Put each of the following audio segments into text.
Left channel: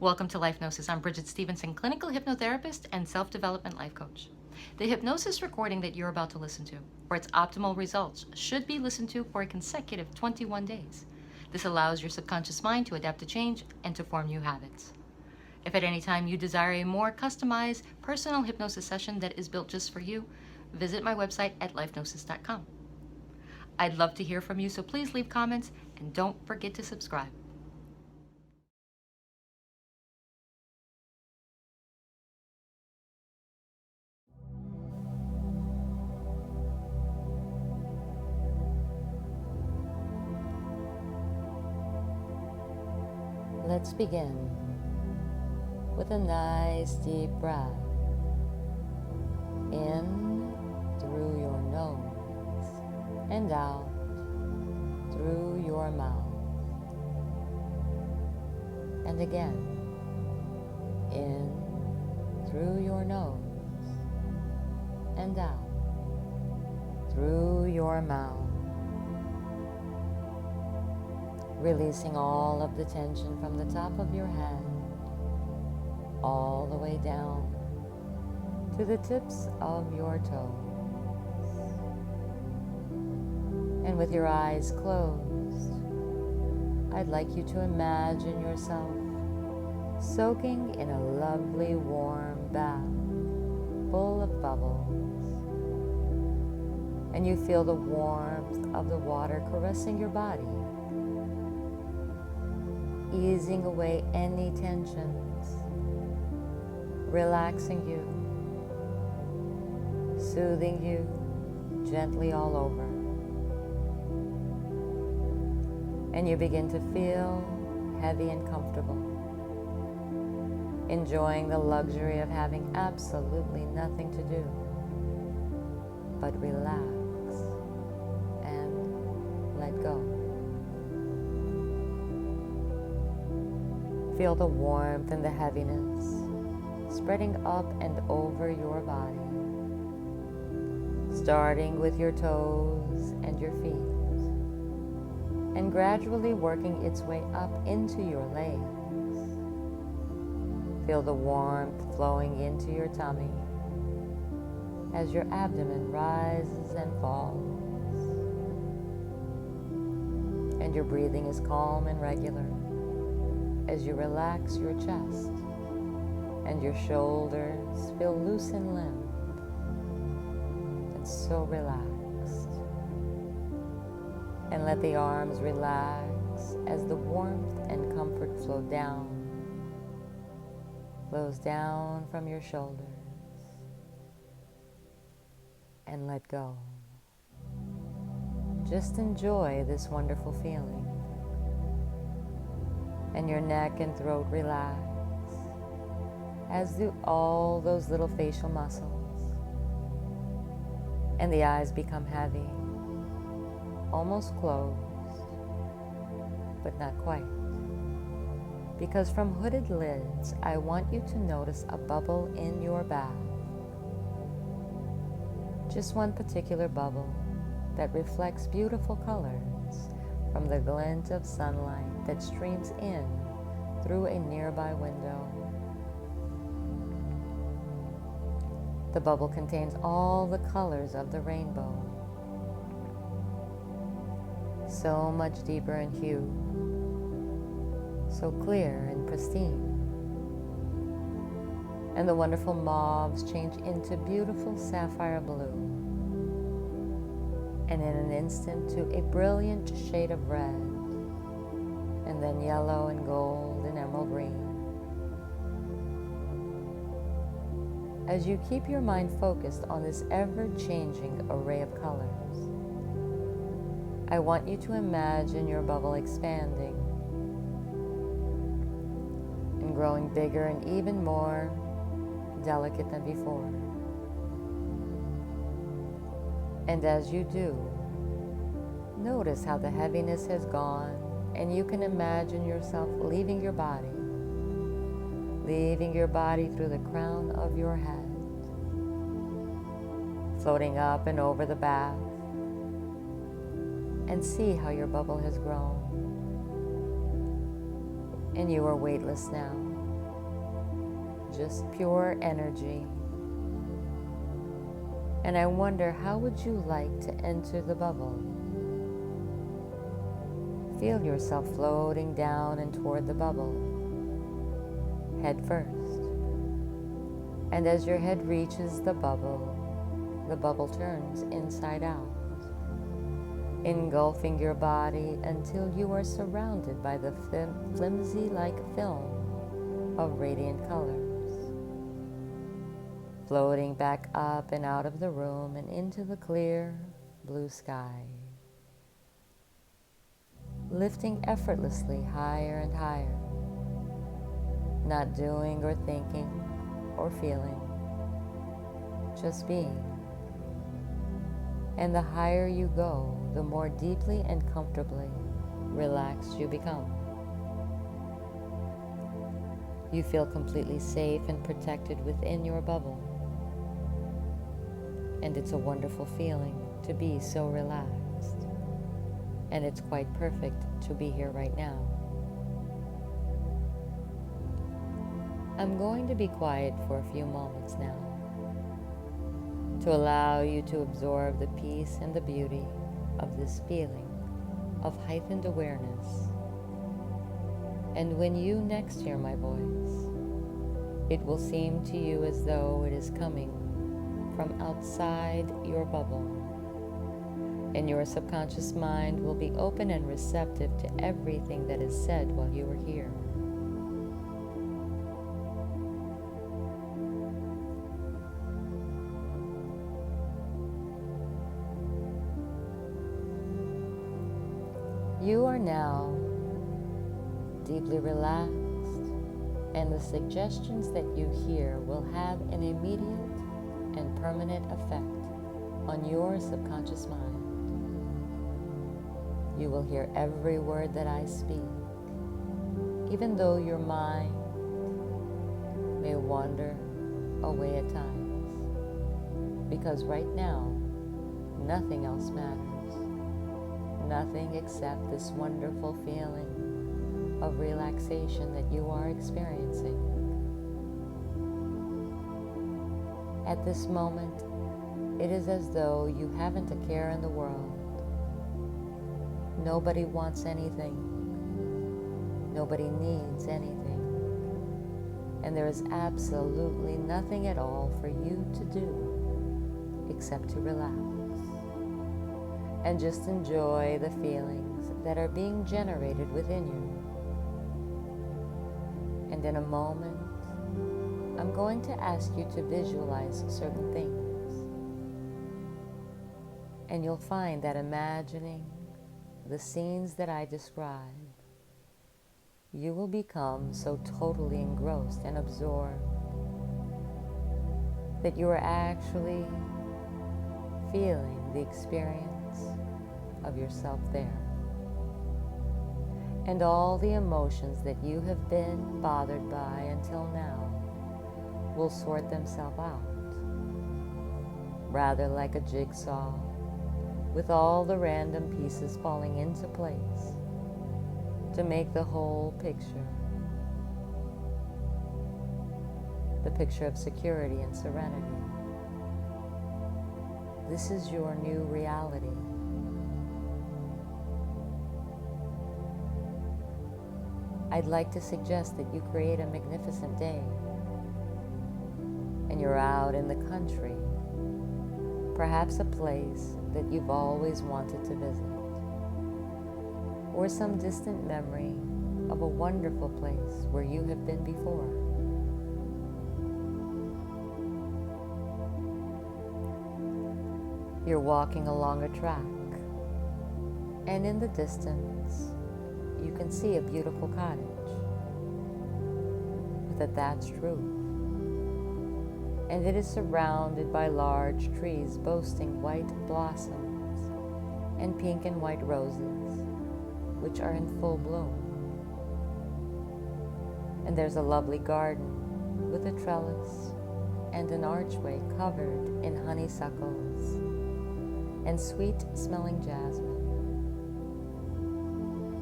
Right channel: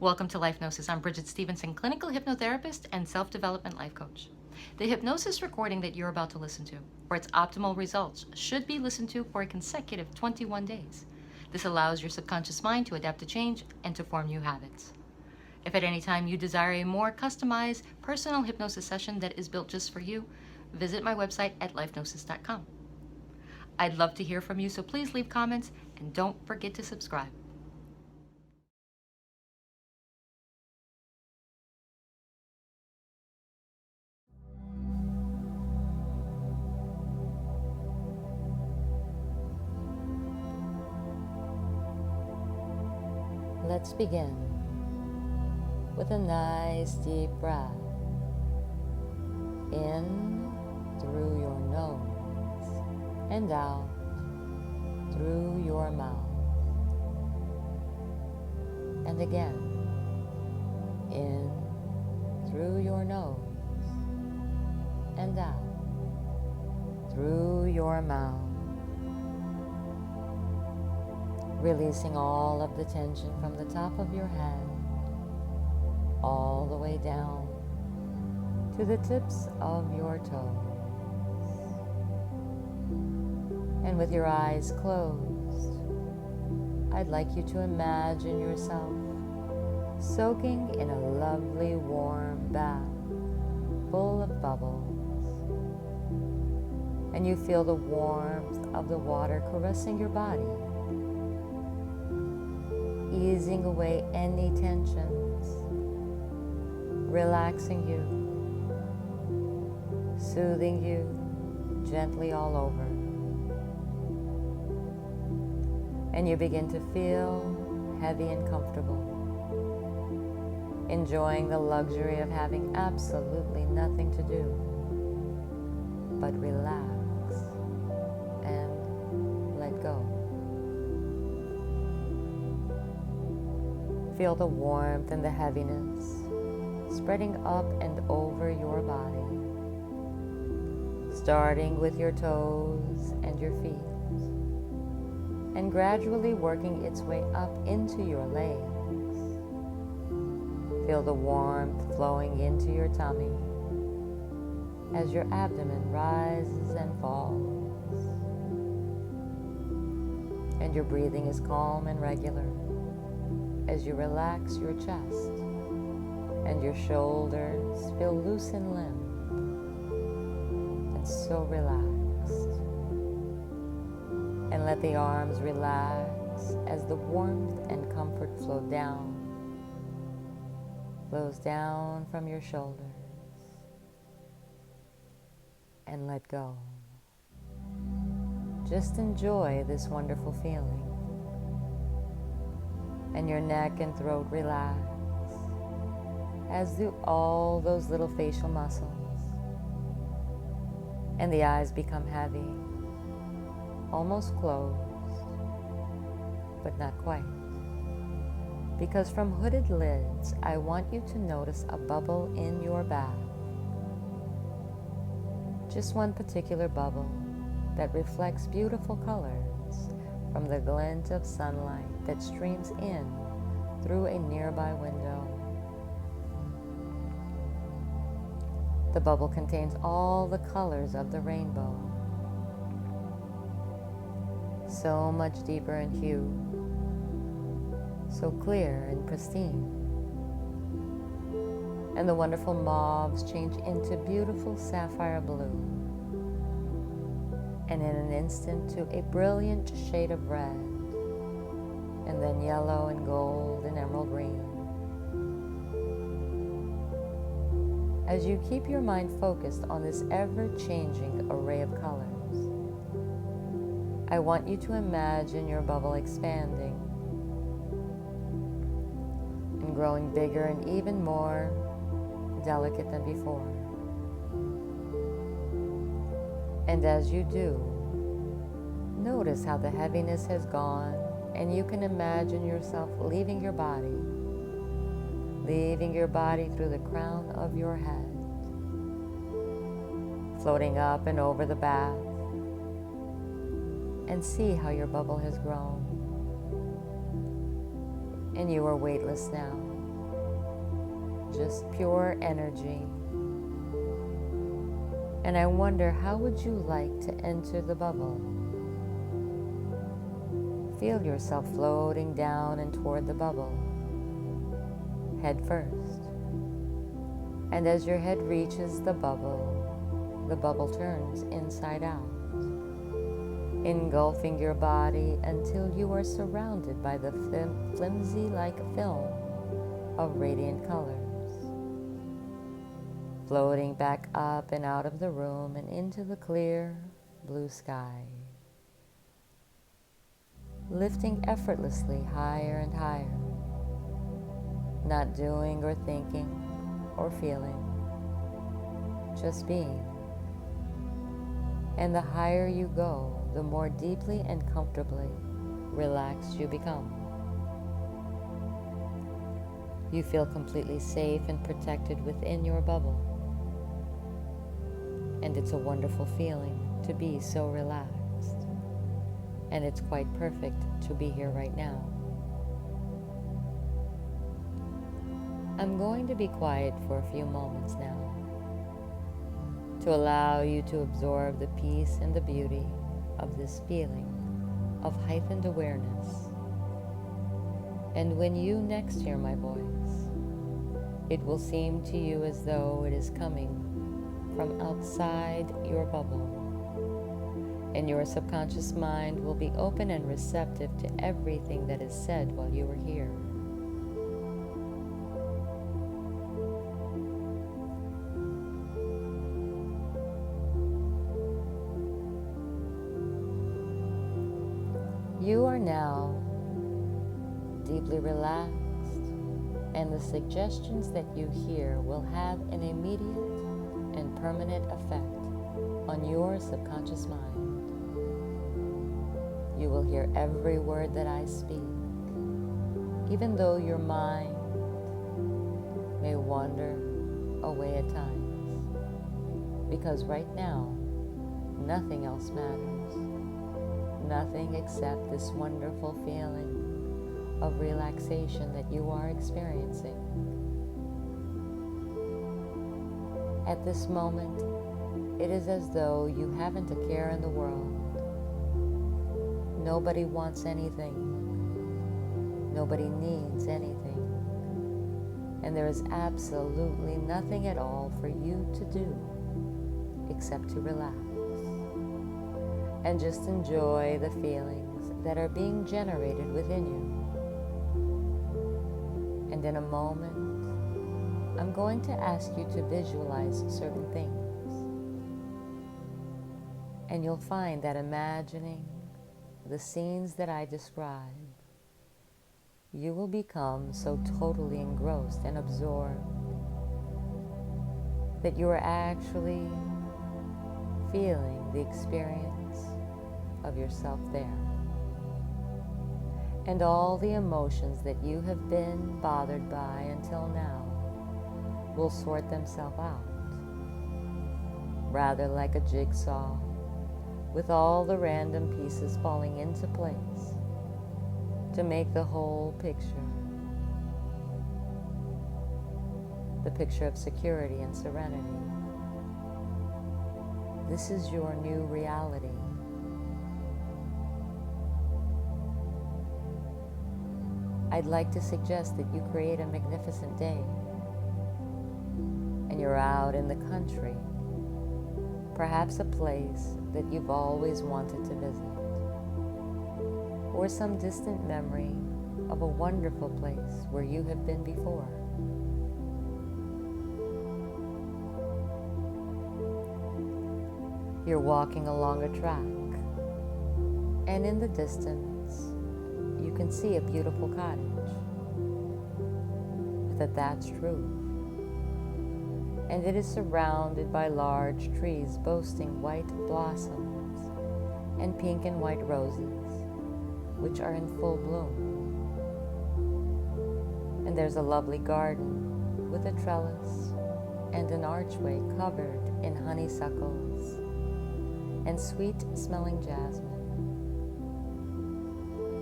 Welcome to Hypnosis. I'm Bridgett Stephenson, clinical hypnotherapist and self-development life coach. The hypnosis recording that you're about to listen to, for its optimal results, should be listened to for a consecutive 21 days. This allows your subconscious mind to adapt to change and to form new habits. If at any time you desire a more customized, personal hypnosis session that is built just for you, visit my website at lifenosis.com. I'd love to hear from you, so please leave comments and don't forget to subscribe. Let's begin with a nice deep breath in through your nose and out through your mouth. And again, in through your nose and out through your mouth. Releasing all of the tension from the top of your head all the way down to the tips of your toes. And with your eyes closed, I'd like you to imagine yourself soaking in a lovely warm bath full of bubbles. And you feel the warmth of the water caressing your body, easing away any tensions, relaxing you, soothing you gently all over. And you begin to feel heavy and comfortable, enjoying the luxury of having absolutely nothing to do but relax and let go. Feel the warmth and the heaviness spreading up and over your body, starting with your toes and your feet, and gradually working its way up into your legs. Feel the warmth flowing into your tummy as your abdomen rises and falls, and your breathing is calm and regular as you relax your chest and your shoulders feel loose and limp and so relaxed. And let the arms relax as the warmth and comfort flows down from your shoulders, and let go. Just enjoy this wonderful feeling. And your neck and throat relax, as do all those little facial muscles. And the eyes become heavy, almost closed, but not quite. Because from hooded lids, I want you to notice a bubble in your bath. Just one particular bubble that reflects beautiful colors from the glint of sunlight that streams in through a nearby window. The bubble contains all the colors of the rainbow, so much deeper in hue, so clear and pristine. And the wonderful mauves change into beautiful sapphire blue, and in an instant to a brilliant shade of red, and then yellow and gold and emerald green. As you keep your mind focused on this ever-changing array of colors, I want you to imagine your bubble expanding and growing bigger and even more delicate than before. And as you do, notice how the heaviness has gone, and you can imagine yourself leaving your body through the crown of your head, floating up and over the bath, and see how your bubble has grown. And you are weightless now, just pure energy. And I wonder, how would you like to enter the bubble? Feel yourself floating down and toward the bubble, head first. And as your head reaches the bubble turns inside out, engulfing your body until you are surrounded by the flimsy-like film of radiant colors, floating back up and out of the room and into the clear blue sky, lifting effortlessly higher and higher, not doing or thinking or feeling, just being. And the higher you go, the more deeply and comfortably relaxed you become. You feel completely safe and protected within your bubble. And it's a wonderful feeling to be so relaxed. And it's quite perfect to be here right now. I'm going to be quiet for a few moments now, to allow you to absorb the peace and the beauty of this feeling of heightened awareness. And when you next hear my voice, it will seem to you as though it is coming from outside your bubble, and your subconscious mind will be open and receptive to everything that is said while you are here. You are now deeply relaxed, and the suggestions that you hear will have an immediate and permanent effect on your subconscious mind. You will hear every word that I speak, even though your mind may wander away at times, because right now, nothing else matters. Nothing except this wonderful feeling of relaxation that you are experiencing. At this moment, it is as though you haven't a care in the world. Nobody wants anything. Nobody needs anything. And there is absolutely nothing at all for you to do except to relax and just enjoy the feelings that are being generated within you. And in a moment, I'm going to ask you to visualize certain things. And you'll find that imagining the scenes that I describe, you will become so totally engrossed and absorbed that you are actually feeling the experience of yourself there. And all the emotions that you have been bothered by until now will sort themselves out, rather like a jigsaw, with all the random pieces falling into place to make the whole picture, the picture of security and serenity. This is your new reality. I'd like to suggest that you create a magnificent day, and you're out in the country, perhaps a place that you've always wanted to visit, or some distant memory of a wonderful place where you have been before. You're walking along a track, and in the distance, you can see a beautiful cottage with a thatched roof, and it is surrounded by large trees boasting white blossoms and pink and white roses, which are in full bloom. And there's a lovely garden with a trellis and an archway covered in honeysuckles and sweet-smelling jasmine.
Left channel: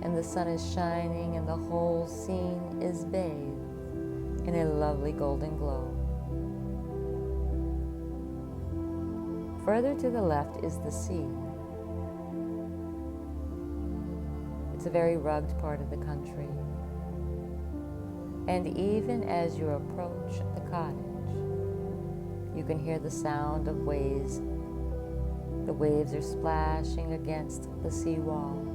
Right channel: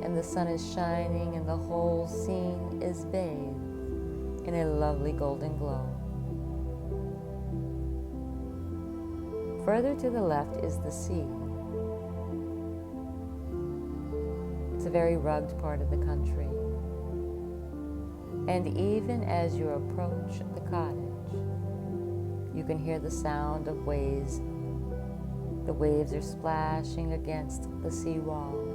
And the sun is shining, and the whole scene is bathed in a lovely golden glow. Further to the left is the sea. It's a very rugged part of the country. And even as you approach the cottage, you can hear the sound of waves. The waves are splashing against the seawall.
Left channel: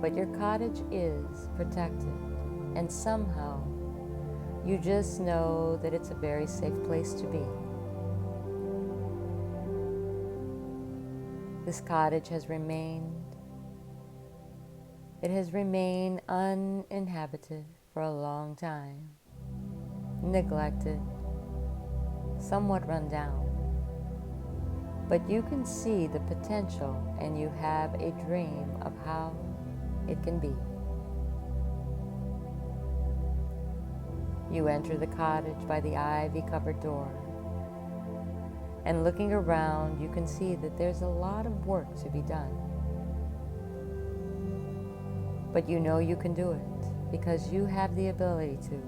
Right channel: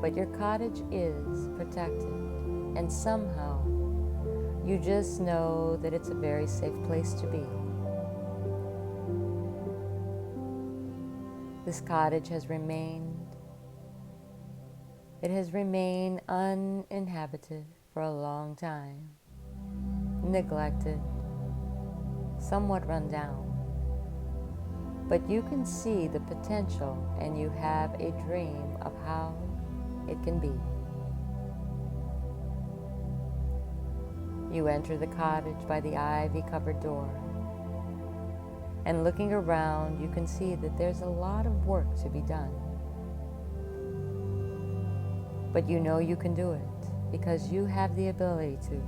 But your cottage is protected, and somehow you just know that it's a very safe place to be. This cottage has remained uninhabited for a long time, neglected, somewhat run down. But you can see the potential, and you have a dream of how it can be. You enter the cottage by the ivy-covered door, and looking around, you can see that there's a lot of work to be done. But you know you can do it because you have the ability to.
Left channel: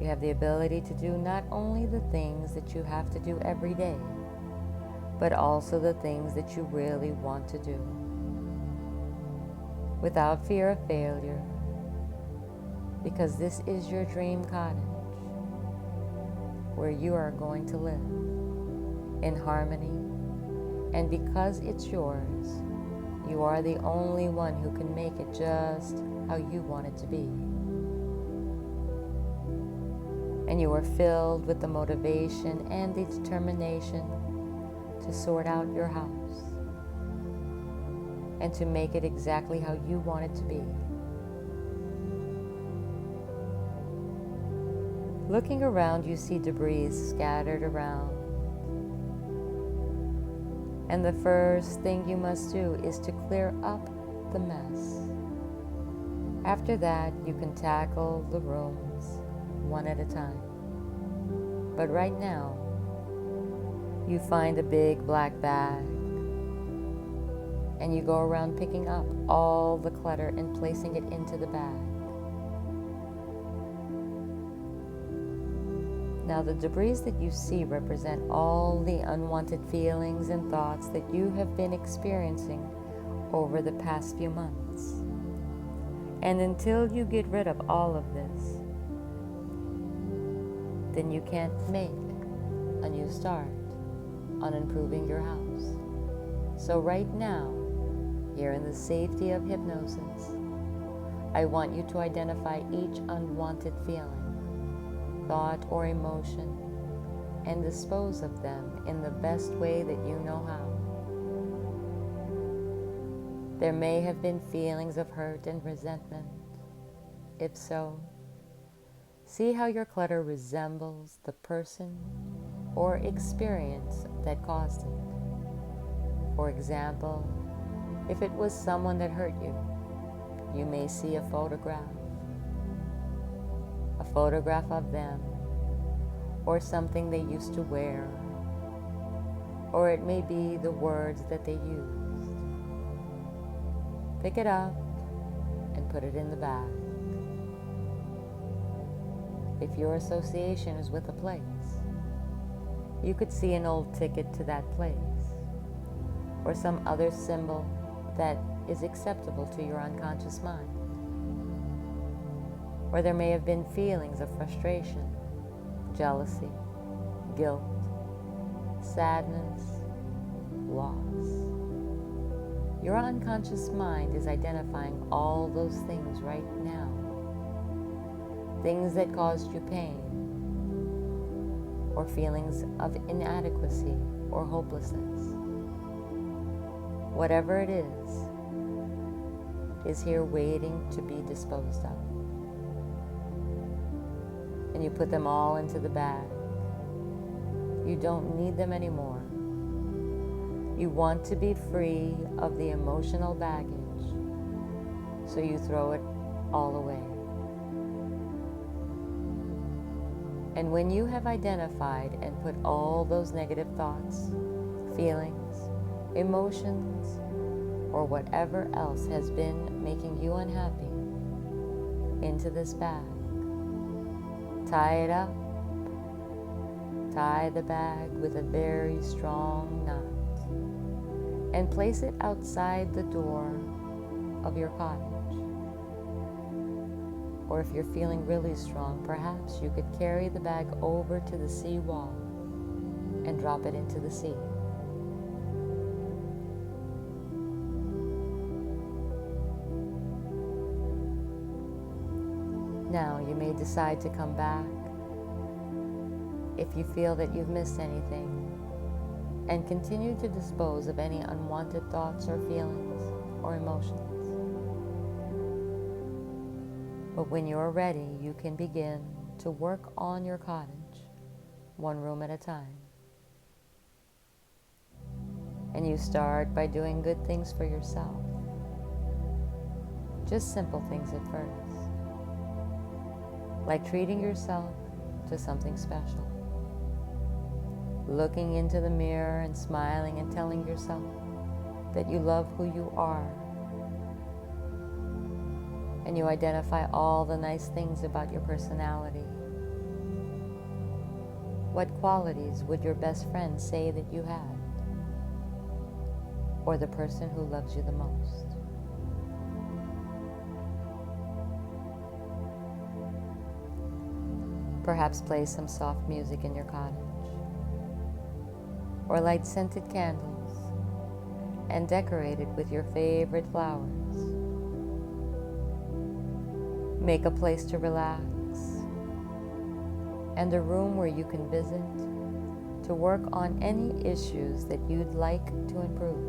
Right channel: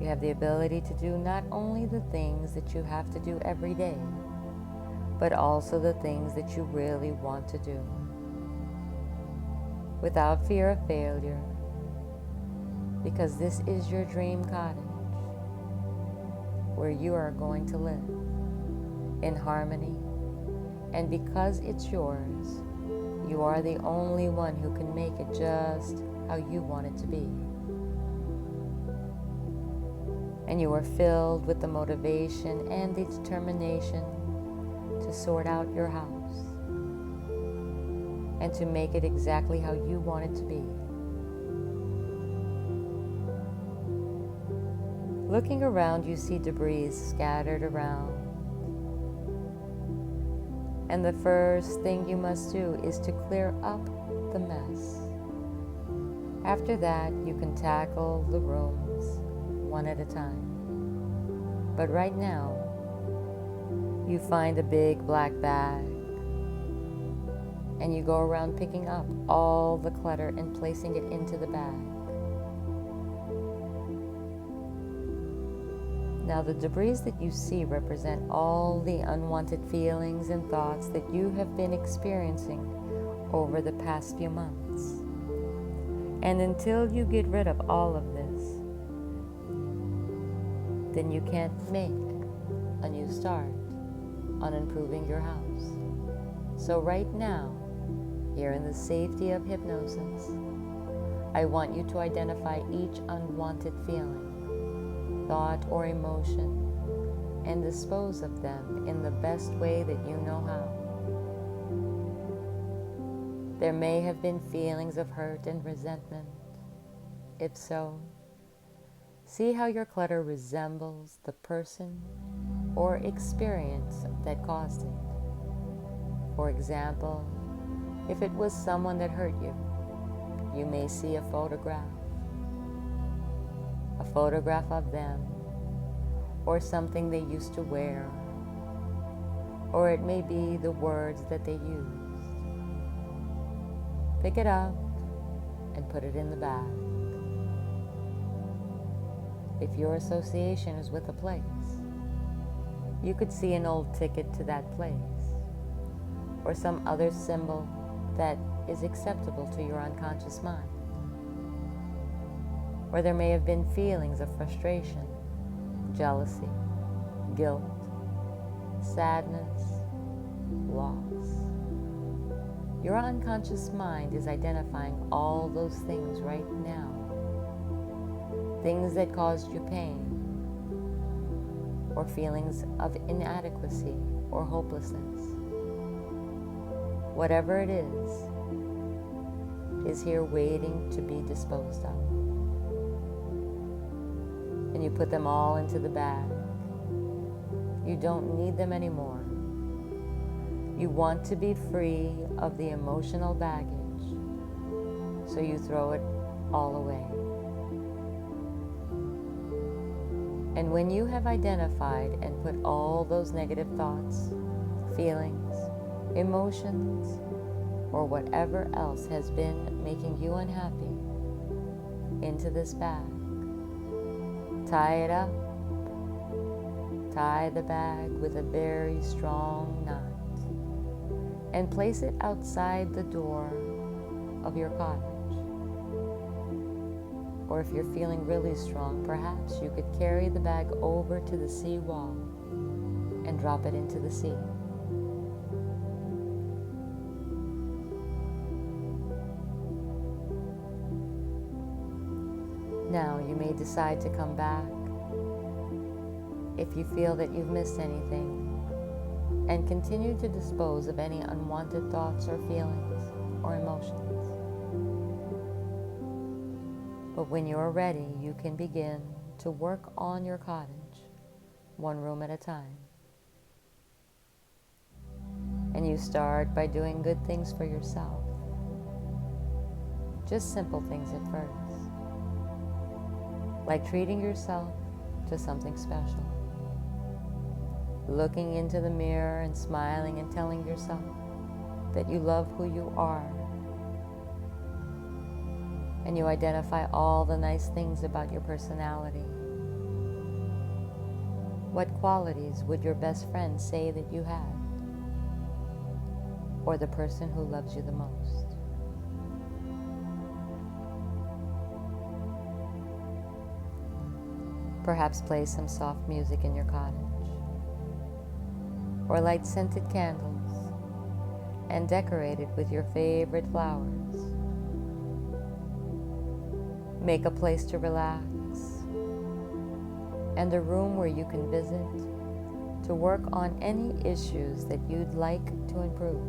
You have the ability to do not only the things that you have to do every day, but also the things that you really want to do. Without fear of failure, because this is your dream cottage where you are going to live in harmony, and because it's yours, you are the only one who can make it just how you want it to be. And you are filled with the motivation and the determination to sort out your house and to make it exactly how you want it to be. Looking around, you see debris scattered around. And the first thing you must do is to clear up the mess. After that, you can tackle the rooms one at a time. But right now, you find a big black bag, and you go around picking up all the clutter and placing it into the bag. Now, the debris that you see represent all the unwanted feelings and thoughts that you have been experiencing over the past few months. And until you get rid of all of this, then you can't make a new start on improving your house. So right now, here in the safety of hypnosis, I want you to identify each unwanted feeling, thought, or emotion, and dispose of them in the best way that you know how. There may have been feelings of hurt and resentment. If so, see how your clutter resembles the person or experience that caused it. For example, if it was someone that hurt you, you may see a photograph of them, or something they used to wear, or it may be the words that they used. Pick it up and put it in the bag. If your association is with a place, you could see an old ticket to that place, or some other symbol that is acceptable to your unconscious mind. Or there may have been feelings of frustration, jealousy, guilt, sadness, loss. Your unconscious mind is identifying all those things right now. Things that caused you pain, or feelings of inadequacy or hopelessness. Whatever it is here waiting to be disposed of. And you put them all into the bag. You don't need them anymore. You want to be free of the emotional baggage, so you throw it all away. And when you have identified and put all those negative thoughts, feelings, emotions, or whatever else has been making you unhappy into this bag. Tie it up. Tie the bag with a very strong knot and place it outside the door of your cottage. Or if you're feeling really strong, perhaps you could carry the bag over to the sea wall and drop it into the sea. Now you may decide to come back if you feel that you've missed anything, and continue to dispose of any unwanted thoughts or feelings or emotions. But when you're ready, you can begin to work on your cottage, one room at a time. And you start by doing good things for yourself. Just simple things at first, like treating yourself to something special. Looking into the mirror and smiling and telling yourself that you love who you are. And you identify all the nice things about your personality. What qualities would your best friend say that you had? Or the person who loves you the most? Perhaps play some soft music in your cottage, or light scented candles and decorate it with your favorite flowers. Make a place to relax and a room where you can visit to work on any issues that you'd like to improve.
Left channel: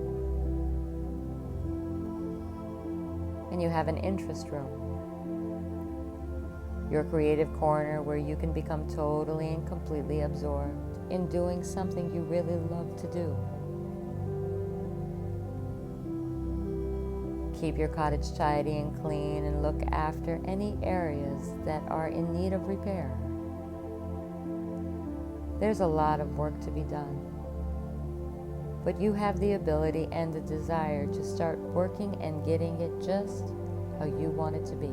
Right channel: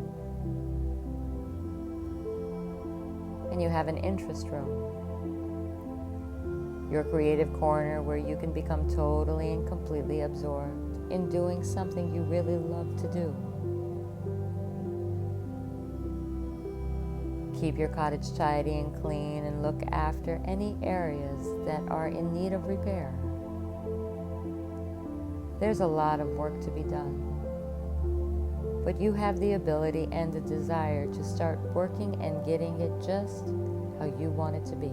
And you have an interest room, your creative corner where you can become totally and completely absorbed in doing something you really love to do. Keep your cottage tidy and clean and look after any areas that are in need of repair. There's a lot of work to be done, but you have the ability and the desire to start working and getting it just how you want it to be.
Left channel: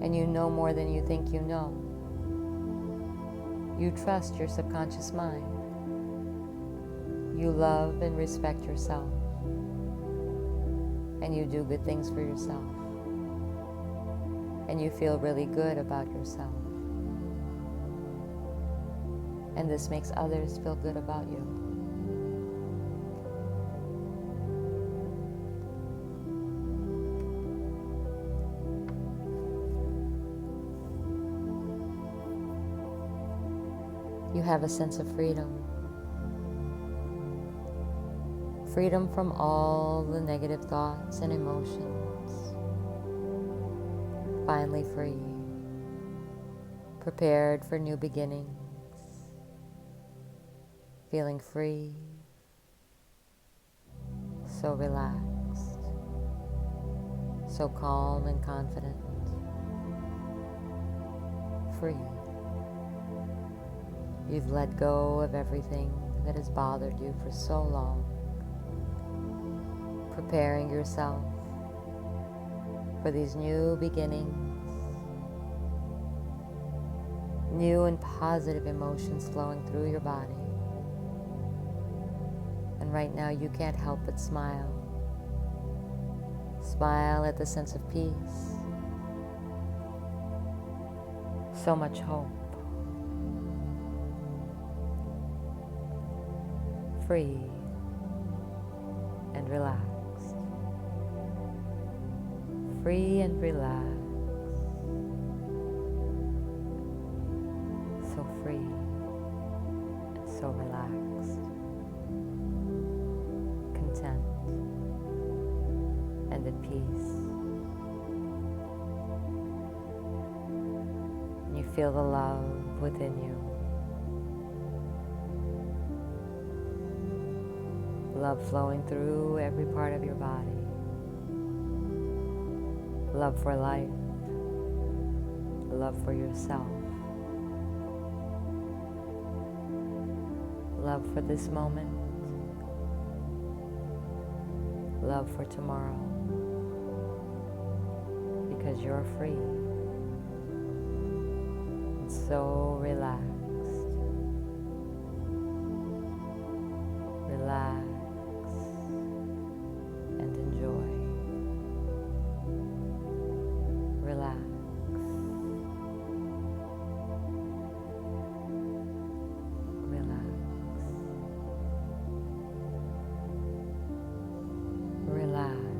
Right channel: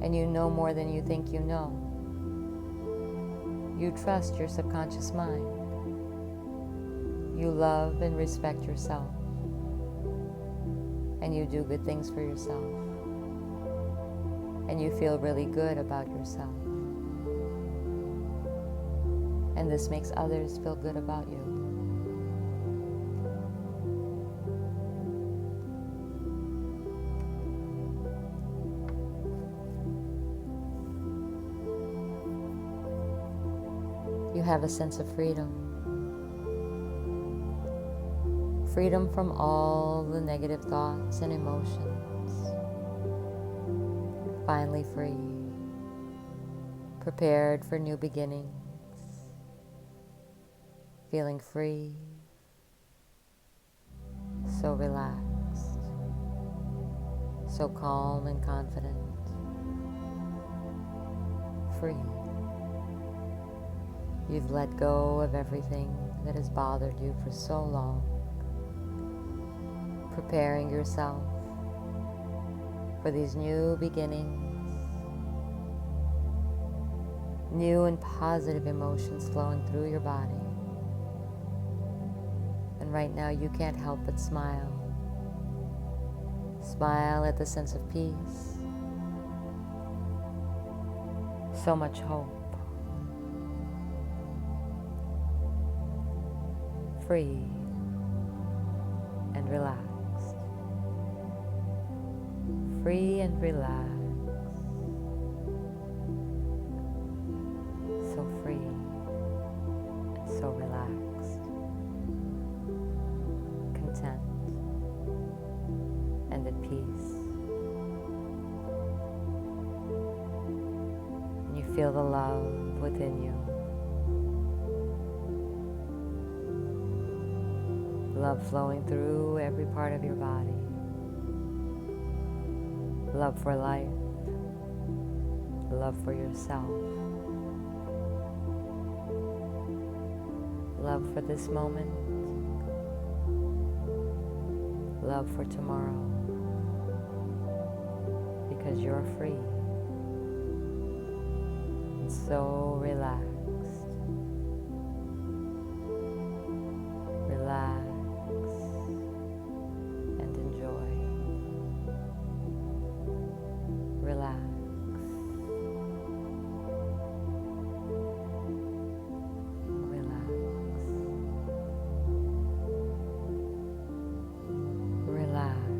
And you know more than you think you know. You trust your subconscious mind. You love and respect yourself. And you do good things for yourself. And you feel really good about yourself. And this makes others feel good about you. You have a sense of freedom. Freedom from all the negative thoughts and emotions. Finally free. Prepared for new beginnings. Feeling free. So relaxed. So calm and confident. Free. You've let go of everything that has bothered you for so long, preparing yourself for these new beginnings, new and positive emotions flowing through your body. And right now you can't help but smile. Smile at the sense of peace, so much hope. Free and relaxed. Free and relaxed. So free and so relaxed. Content and at peace. And you feel the love within you. Love flowing through every part of your body. Love for life. Love for yourself. Love for this moment. Love for tomorrow. because you're free and so relaxed. Relax and enjoy. Relax. Relax. Relax.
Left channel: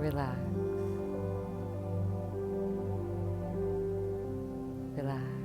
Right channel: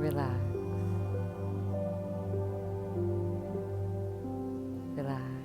Relax. Relax.